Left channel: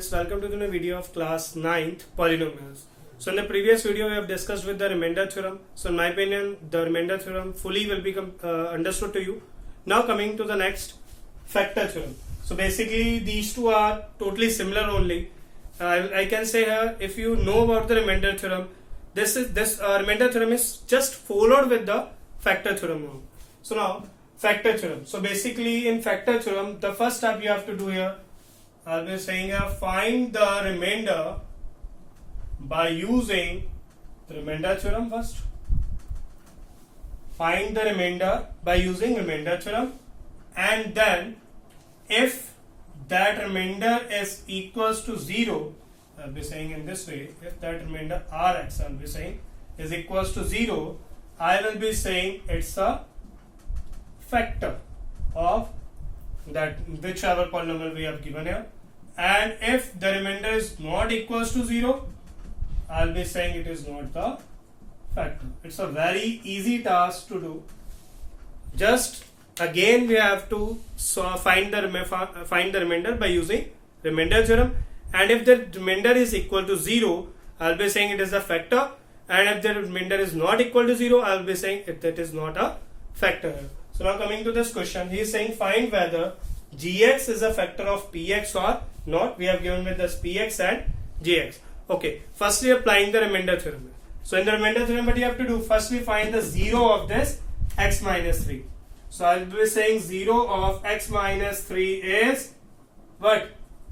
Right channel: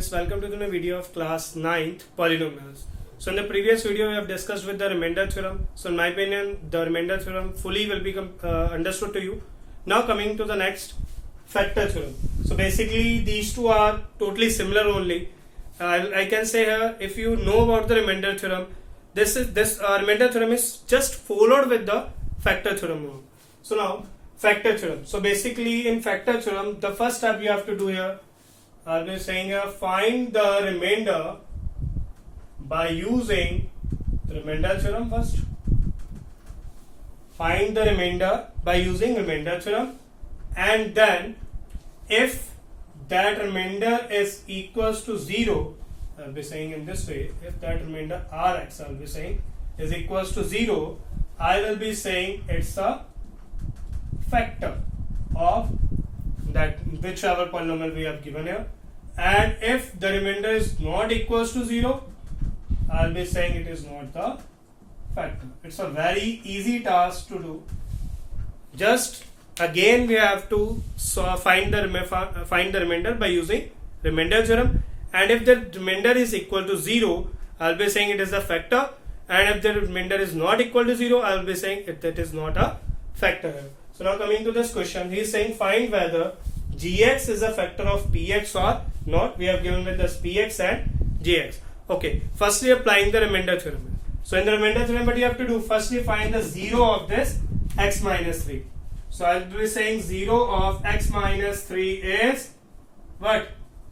students, welcome to the new video of class 9th Polynomials. So in the previous video we have discussed with the remainder theorem. So in my opinion the remainder theorem fully will be understood to you. Now coming to the next factor theorem. So basically these two are totally similar only. I can say here, if you know about the remainder theorem, this remainder theorem is just followed with the factor theorem. So now factor theorem. So basically in factor theorem the first step you have to do here, I'll be saying here, find the remainder by using the remainder theorem first. Find the remainder by using remainder theorem, and then if that remainder is equals to 0, I'll be saying in this way, if that remainder Rx, I'll be saying, is equals to 0, I will be saying it's a factor of that whichever polynomial we have given here. And if the remainder is not equals to 0, I'll be saying it is not the factor. It's a very easy task to do. Just again we have to find the remainder by using remainder theorem, and if the remainder is equal to 0, I'll be saying it is a factor, and if the remainder is not equal to 0, I'll be saying that is not a factor. So now coming to this question, he is saying find whether gx is a factor of px or not. We have given with us px and gx. Okay, firstly applying the remainder theorem. So in the remainder theorem, what you have to do, firstly find the 0 of this x minus 3. So I'll be saying 0 of x minus 3 is what?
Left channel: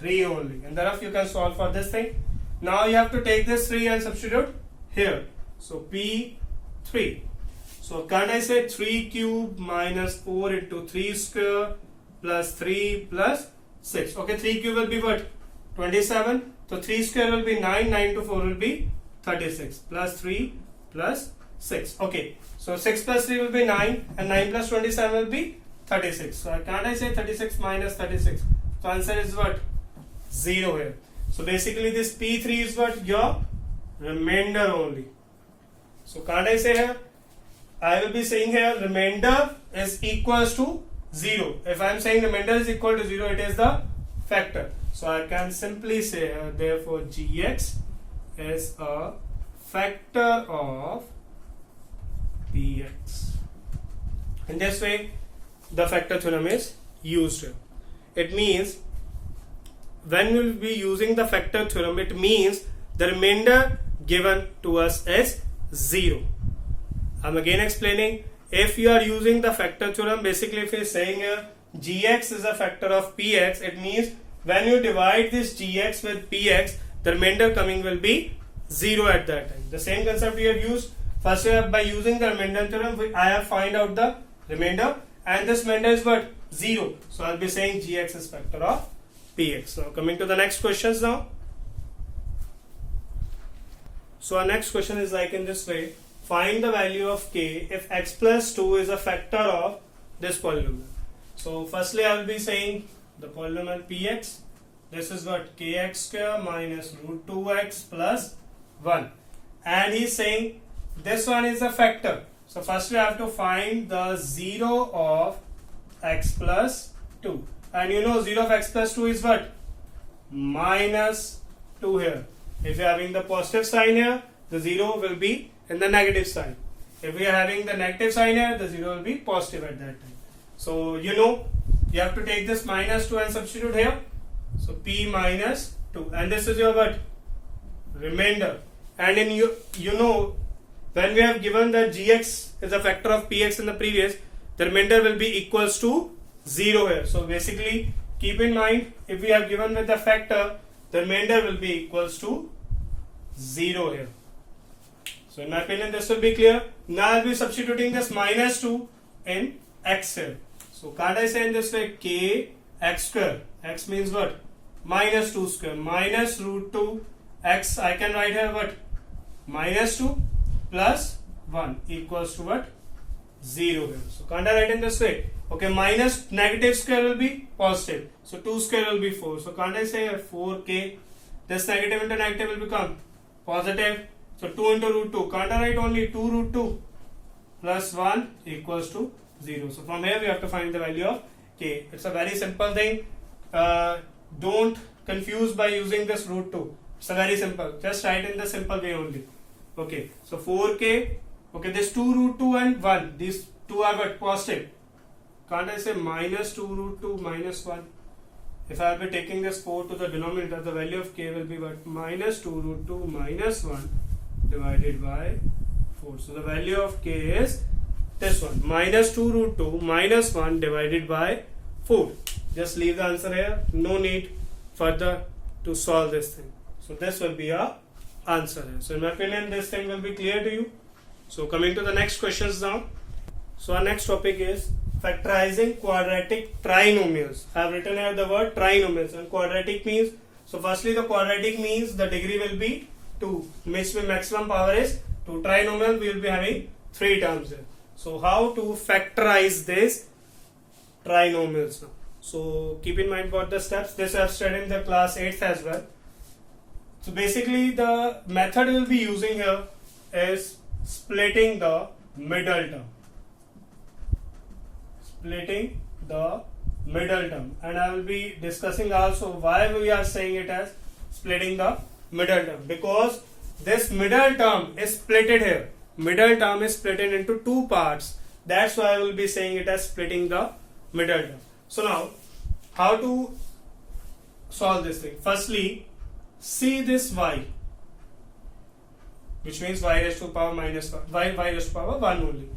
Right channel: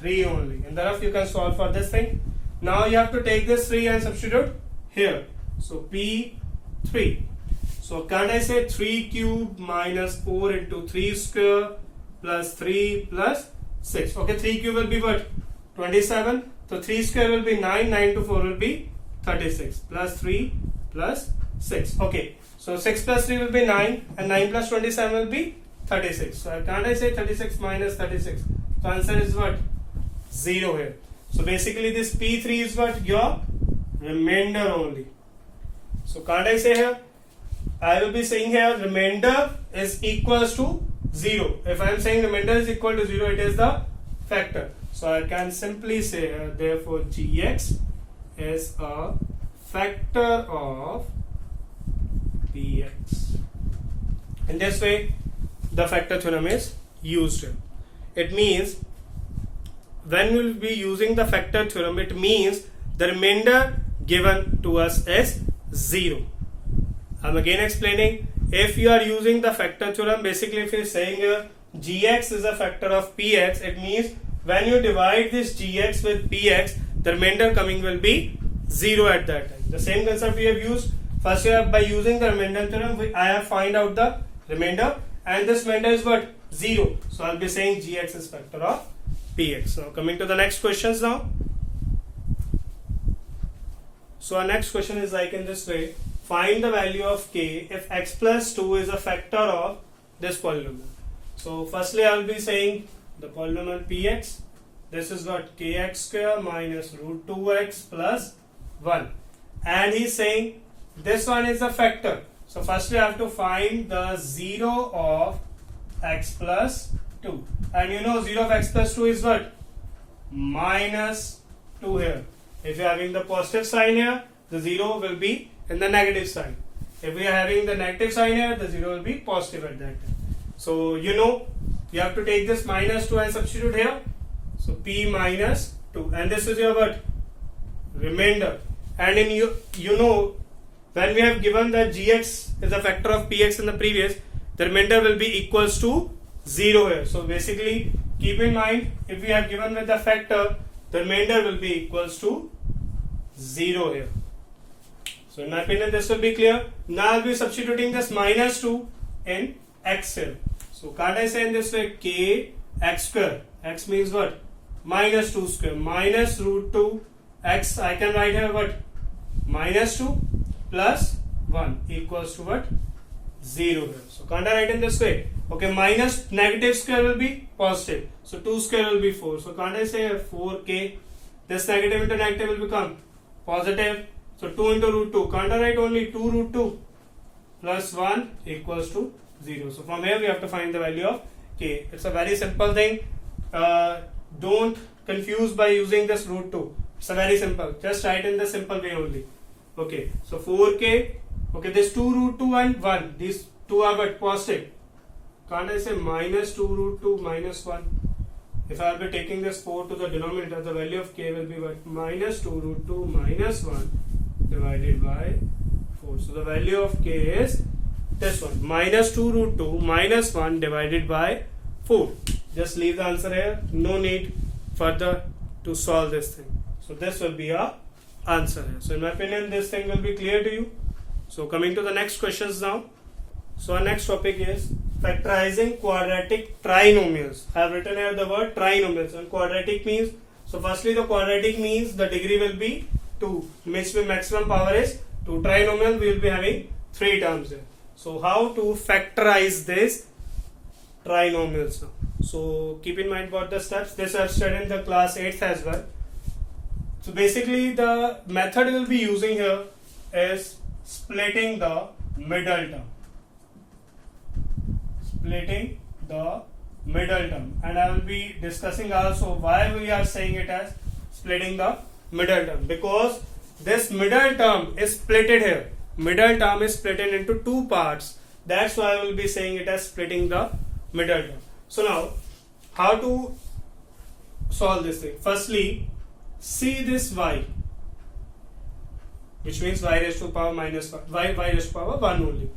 3 only. And thereafter you can solve for this thing. Now you have to take this 3 and substitute here. So p3. So can't I say 3 cube minus 4 into 3 square plus 3 plus 6. Okay, 3 cube will be what? 27. So 3 square will be 9. 9 to 4 will be 36. Plus 3 plus 6. Okay. So 6 plus 3 will be 9. And 9 plus 27 will be 36. So can't I say 36 minus 36? So answer is what? 0 here. So basically this P3 is what? Your remainder only. So can't I say here? I will be saying here remainder is equals to 0. If I am saying remainder is equal to 0, it is the factor. So I can simply say therefore gx is a factor of px. In this way the factor theorem is used here. It means when we will be using the factor theorem, it means the remainder given to us is 0. I'm again explaining. If you are using the factor theorem, basically if you are saying here gx is a factor of px, it means when you divide this gx with px, the remainder coming will be 0 at that time. The same concept we have used. First by using the remainder theorem, I have find out the remainder, and this remainder is what? 0. So I'll be saying gx is factor of px. Now coming to the next questions now. So our next question is like in this way. Find the value of k if x plus 2 is a factor of this polynomial. So firstly I will be saying the polynomial px. This is what? Kx square minus root 2x plus 1. And he is saying this one is a factor. So firstly I have to find the 0 of x plus 2. And you know 0 of x plus 2 is what? Minus 2 here. If you are having the positive sign here, the 0 will be in the negative sign. If we are having the negative sign here, the 0 will be positive at that time. So you know you have to take this minus 2 and substitute here. So p minus 2, and this is your what? Remainder. And in you know when we have given that gx is a factor of px in the previous, the remainder will be equals to 0 here. So basically keep in mind, if we have given with the factor, the remainder will be equals to 0 here. So in my opinion this will be clear. Now I will be substituting this minus 2 in x here. So can't I say in this way k x square? X means what? Minus 2 square minus root 2 x. I can write here what? Minus 2 plus 1 equals to what? 0 here. So can't I write in this way? Okay, minus negative square will be positive. So 2 square will be 4. So can't I say 4k? This negative into negative will become positive. So 2 into root 2. Can't I write only 2 root 2 plus 1 equals to 0. So from here we have to find the value of k. It's a very simple thing. Don't confused by using this root 2. It's a very simple. Just write in the simple way only. Okay. So 4k. Okay. This 2 root 2 and 1. These two are what? Positive. Can't I say minus 2 root 2 minus 1? If I will be taking this 4 to the denominator, the value of k will be what? Minus 2 root 2 minus 1 divided by 4. So the value of k is this one. Minus 2 root 2 minus 1 divided by 4. Just leave the answer here. No need further to solve this thing. So this will be our answer here. So in my opinion, this thing will be clear to you. So coming to the next questions now. So our next topic is factorizing quadratic trinomials. I have written here the word trinomials, and quadratic means, so firstly the quadratic means the degree will be 2, which means maximum power is 2. Trinomial we will be having 3 terms here. So how to factorize this trinomials now? So keep in mind what the steps. This I have studied in the class 8th as well. So basically the method we will be using here is splitting the middle term. Splitting the middle term, and I will be discussing also why we are saying it as splitting the middle term, because this middle term is splitted here. Middle term is splitted into 2 parts. That's why I will be saying it as splitting the middle term. So now, how to solve this thing? Firstly, see this y, which means y raised to the power minus 1, y raised to the power 1 only.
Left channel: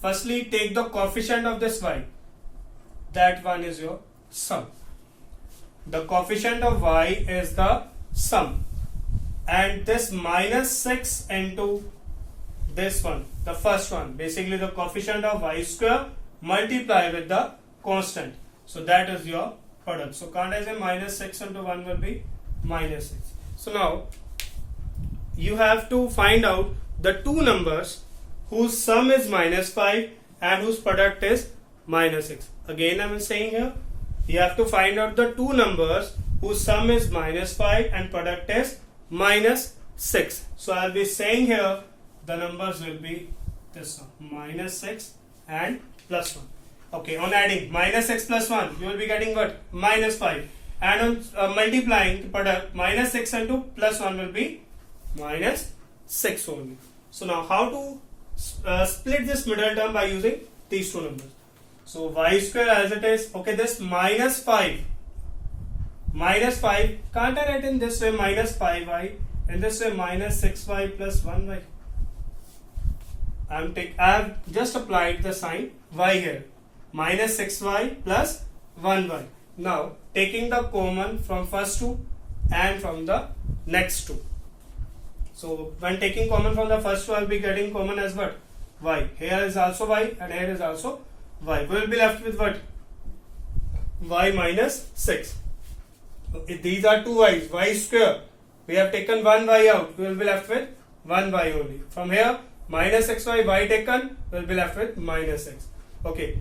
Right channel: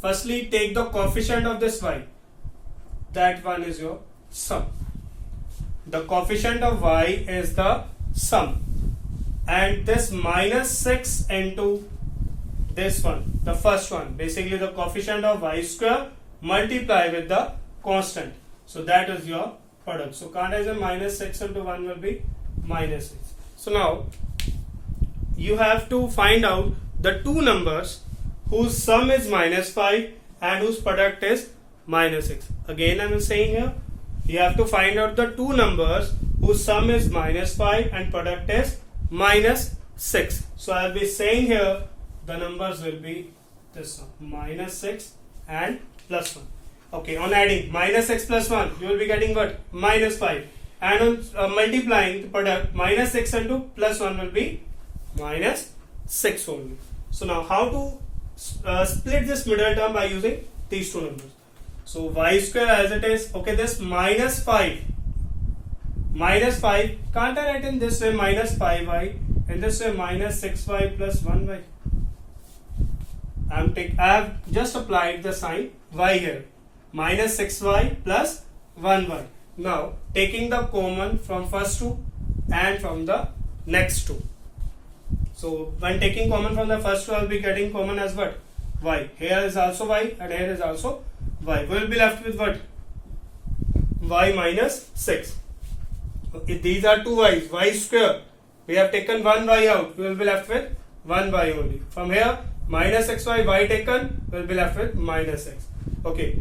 Firstly, take the coefficient of this y. That one is your sum. The coefficient of y is the sum. And this minus 6 into this one, the first one, basically the coefficient of y square multiply with the constant. So that is your product. So can't I say minus 6 into 1 will be minus 6. So now, you have to find out the two numbers whose sum is minus 5 and whose product is minus 6. Again I am saying here, you have to find out the two numbers whose sum is minus 5 and product is minus 6. So I will be saying here the numbers will be this one, minus 6 and plus 1. Okay, on adding minus 6 plus 1, you will be getting what? Minus 5. And on multiplying the product, minus 6 into plus 1 will be minus 6 only. So now how to split this middle term by using these two numbers. So y square as it is, okay, this minus 5, can't I write in this way minus 5y and this way minus 6y plus 1y? I have just applied the sign y here, minus 6y plus 1y. Now taking the common from first two and from the next two. So when taking common from the first two, I will be getting common as what? Y. Here is also y and here is also y. We will be left with what? Y minus 6. If these are two y's, y square. We have taken one y out. We will be left with one y only. From here, minus 6y, y taken, we will be left with minus 6. Okay.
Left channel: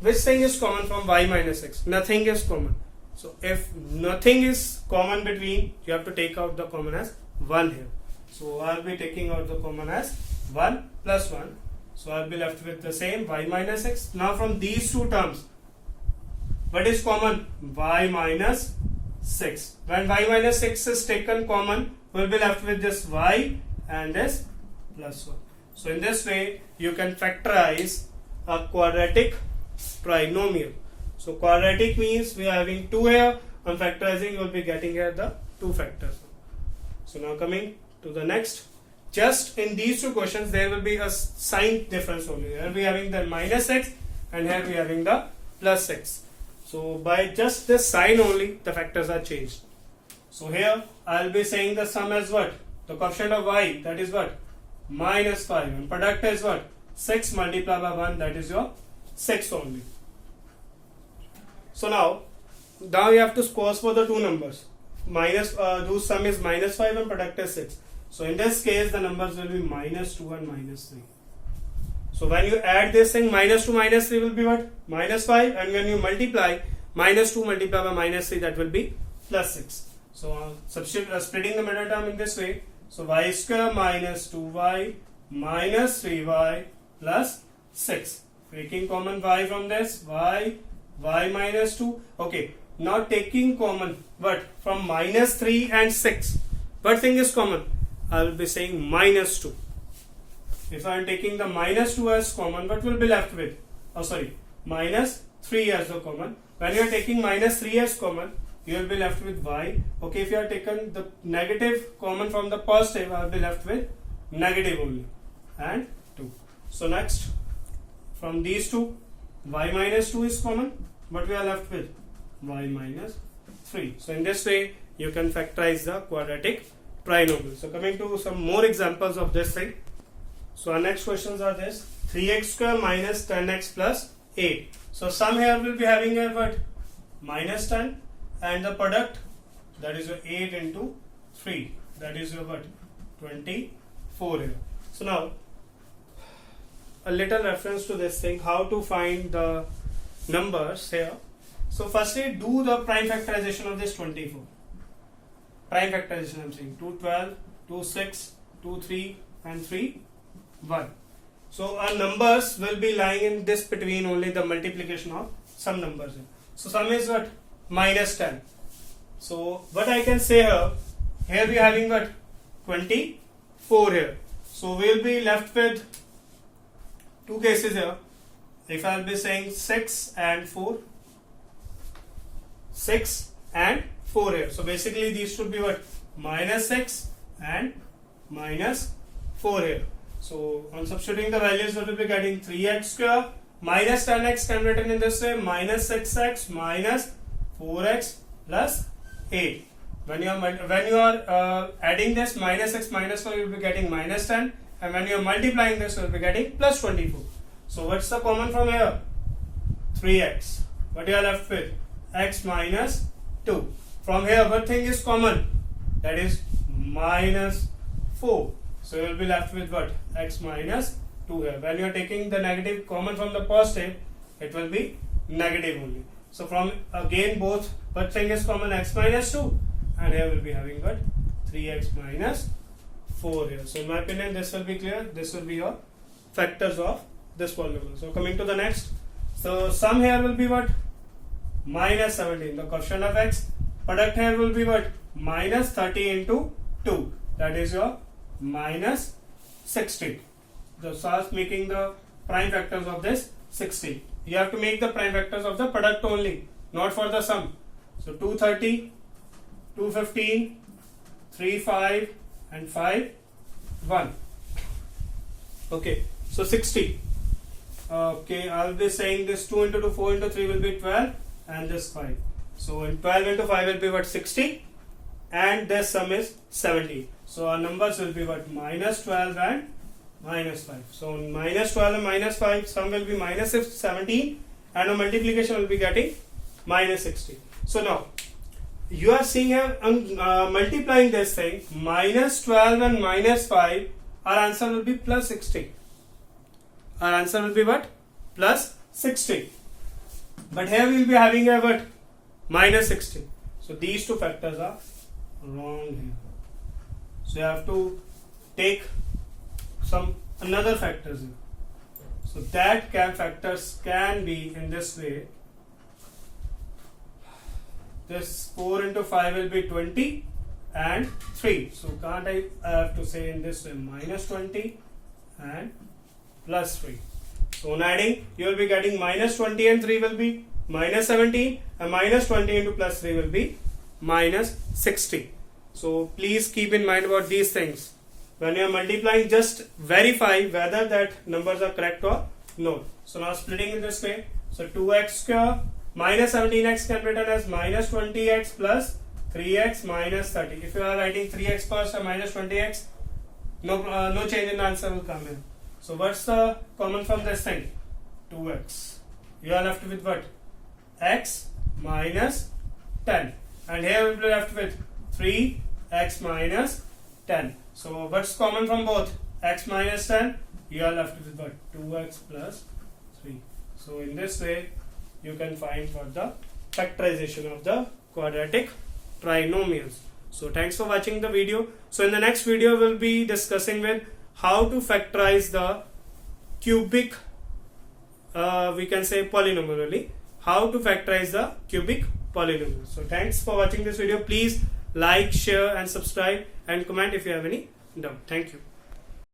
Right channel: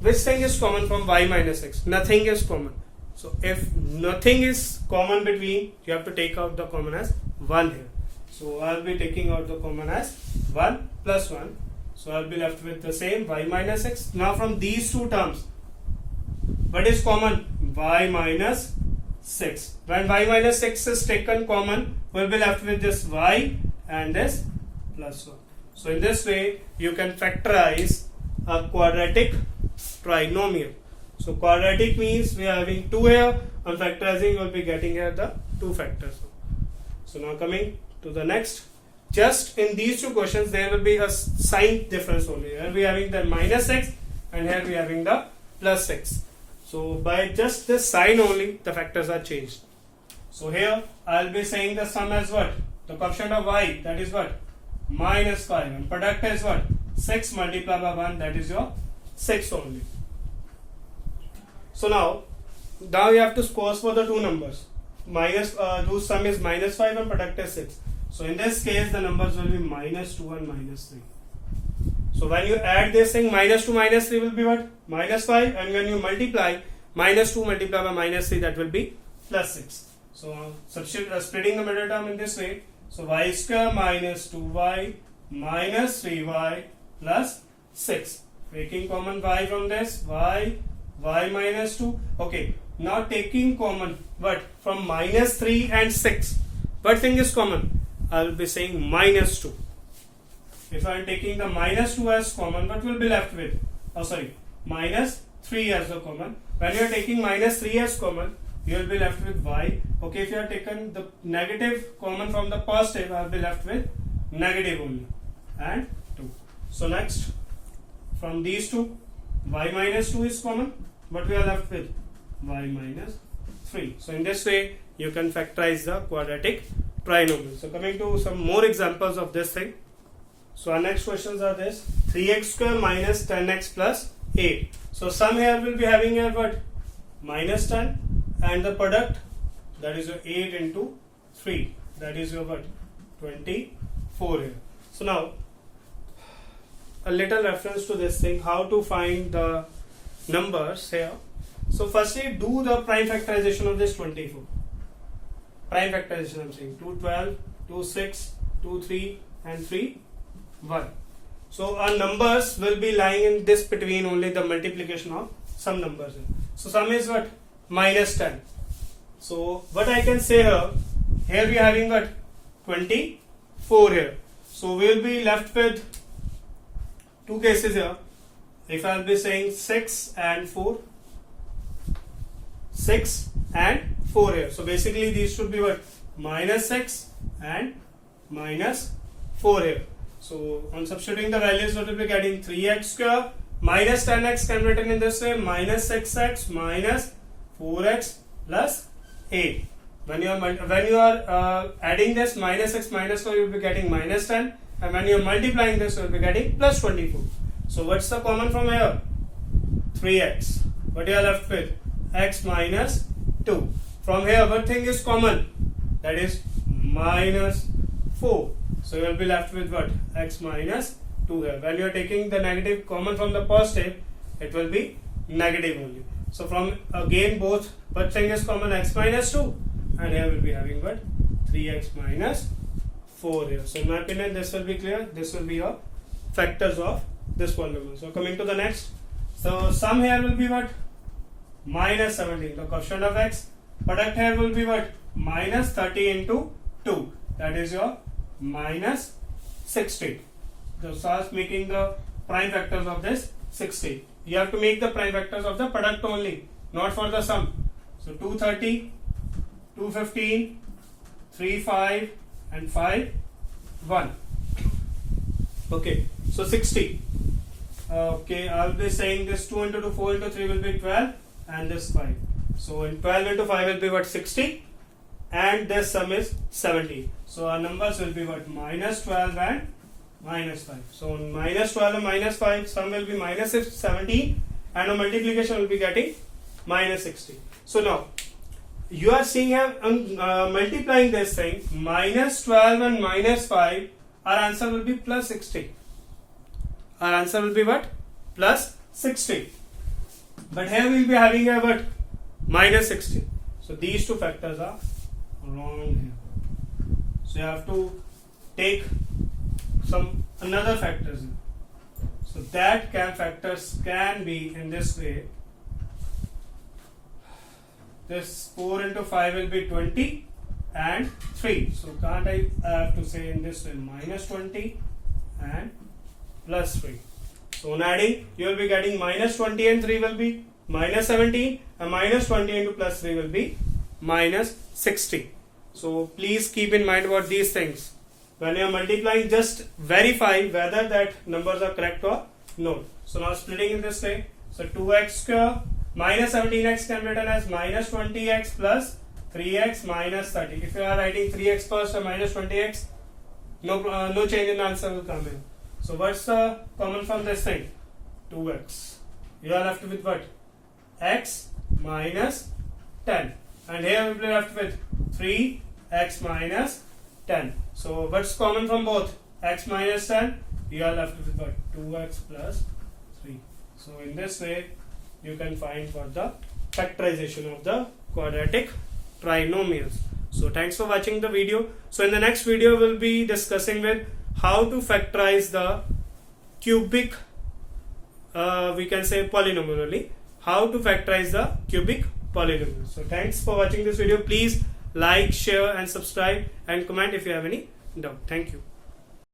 Which thing is common from y minus 6? Nothing is common. So if nothing is common between, you have to take out the common as 1 here. So I will be taking out the common as 1 plus 1. So I will be left with the same y minus 6. Now from these two terms, what is common? Y minus 6. When y minus 6 is taken common, we will be left with this y and this plus 1. So in this way, you can factorize a quadratic trinomial. So quadratic means we are having 2 here. On factorizing, you will be getting here the 2 factors. So now coming to the next, just in these two questions there will be a sign difference only. Here we are having the minus 6 and here we are having the plus 6. So by just this sign only the factors are changed. So here I will be saying the sum as what? The coefficient of y, that is what? Minus 5, and product is what? 6 multiplied by 1, that is your 6 only. So now you have to squash for the two numbers. Minus whose sum is minus 5 and product is 6. So in this case the numbers will be minus 2 and minus 3. So when you add this thing, minus 2 minus 3 will be what? Minus 5, and when you multiply minus 2 multiplied by minus 3, that will be plus 6. So splitting the middle term in this way. So y square minus 2y minus 3y plus 6. Taking common y from this, y minus 2. Okay, now taking common what from minus 3 and 6, what thing is common? I will be saying minus 2. If I am taking the minus 2 as common, what will be left with? Oh sorry, minus 3 as a common. When you are taking minus 3 as common, you will be left with y. Okay, if you have taken the negative common from the positive, I will be left with negative only and 2. So next, from these two, y minus 2 is common, but we are left with y minus 3. So in this way, you can factorize the quadratic trinomial. So coming to some more examples of this thing. So our next questions are this: 3x square minus 10x plus 8. So sum here will be having a what? Minus 10, and the product, that is your 8 into 3, that is your what? 24 here. So now a little reference to this thing, how to find the numbers here. So firstly, do the prime factorization of this 24. Prime factorization I'm saying 2, 12, 2, 6, 2, 3 and 3, 1. So our numbers will be lying in this between only the multiplication of some numbers. So sum is what? Minus 10. So what I can say here we are having what? 24 here. So we will be left with two cases here. If I will be saying 6 and 4, 6 and 4 here. So basically these should be what? Minus 6 and minus 4 here. So on substituting the values, what will be getting? 3x square minus 10x can be written in this way, minus 6x minus 4x plus 8. When you are adding this minus 6 minus 4, you will be getting minus 10, and when you are multiplying this, you will be getting plus 24. So what's the common from here? 3x. What you are left with? X minus 2. From here, what thing is common? That is minus 4. So you will be left with what? X minus 2 here. When you are taking the negative common from the positive, it will be negative only. So from again both, what thing is common? X minus 2, and here will be having what? 3x minus 4 here. So in my opinion, this will be clear. This will be your factors of this polynomial. So coming to the next. So sum here will be what? Minus 17, the coefficient of x. Product here will be what? Minus 30 into 2. That is your minus 60. So start making the prime factors of this 60. You have to make the prime factors of the product only, not for the sum. So 230, 215, 3, 5 and 5, 1. Okay, so 60. Okay, I will be saying this 2 into 2, 4 into 3 will be 12 and this 5. So in 12 into 5 will be what? 60, and this sum is 70. So our numbers will be what? Minus 12 and minus 5. So minus 12 and minus 5, sum will be minus 17, and a multiplication will be getting minus 60. So now you are seeing here multiplying this thing, minus 12 and minus 5, our answer will be plus 60. Our answer will be what? Plus 60. But here we will be having a what? Minus 60. So these two factors are wrong here. So you have to take some another factors here. So that factors can be in this way. This 4 into 5 will be 20 and 3. So can't I have to say in this way minus 20 and plus 3. So on adding, you will be getting minus 20 and 3 will be minus 17, and minus 20 into plus 3 will be minus 60. So please keep in mind about these things. When you are multiplying, just verify whether that numbers are correct or not. So now splitting in this way. So 2x square minus 17x can be written as minus 20x plus 3x minus 30. If you are writing 3x first or minus 20x, no change in answer will come in. So what's the common from this thing? 2x. You are left with what? X minus 10. And here we will be left with 3x minus 10. So what's common from both? X minus 10. You are left with what? 2x plus 3. So in this way, you can find for the factorization of the quadratic trinomials. So thanks for watching the video. So in the next video, we'll be discussing with how to factorize the we can say polynomial only. How to factorize the cubic polynomials. So thanks for watching this video. Please like, share and subscribe and comment if you have any doubt. Thank you.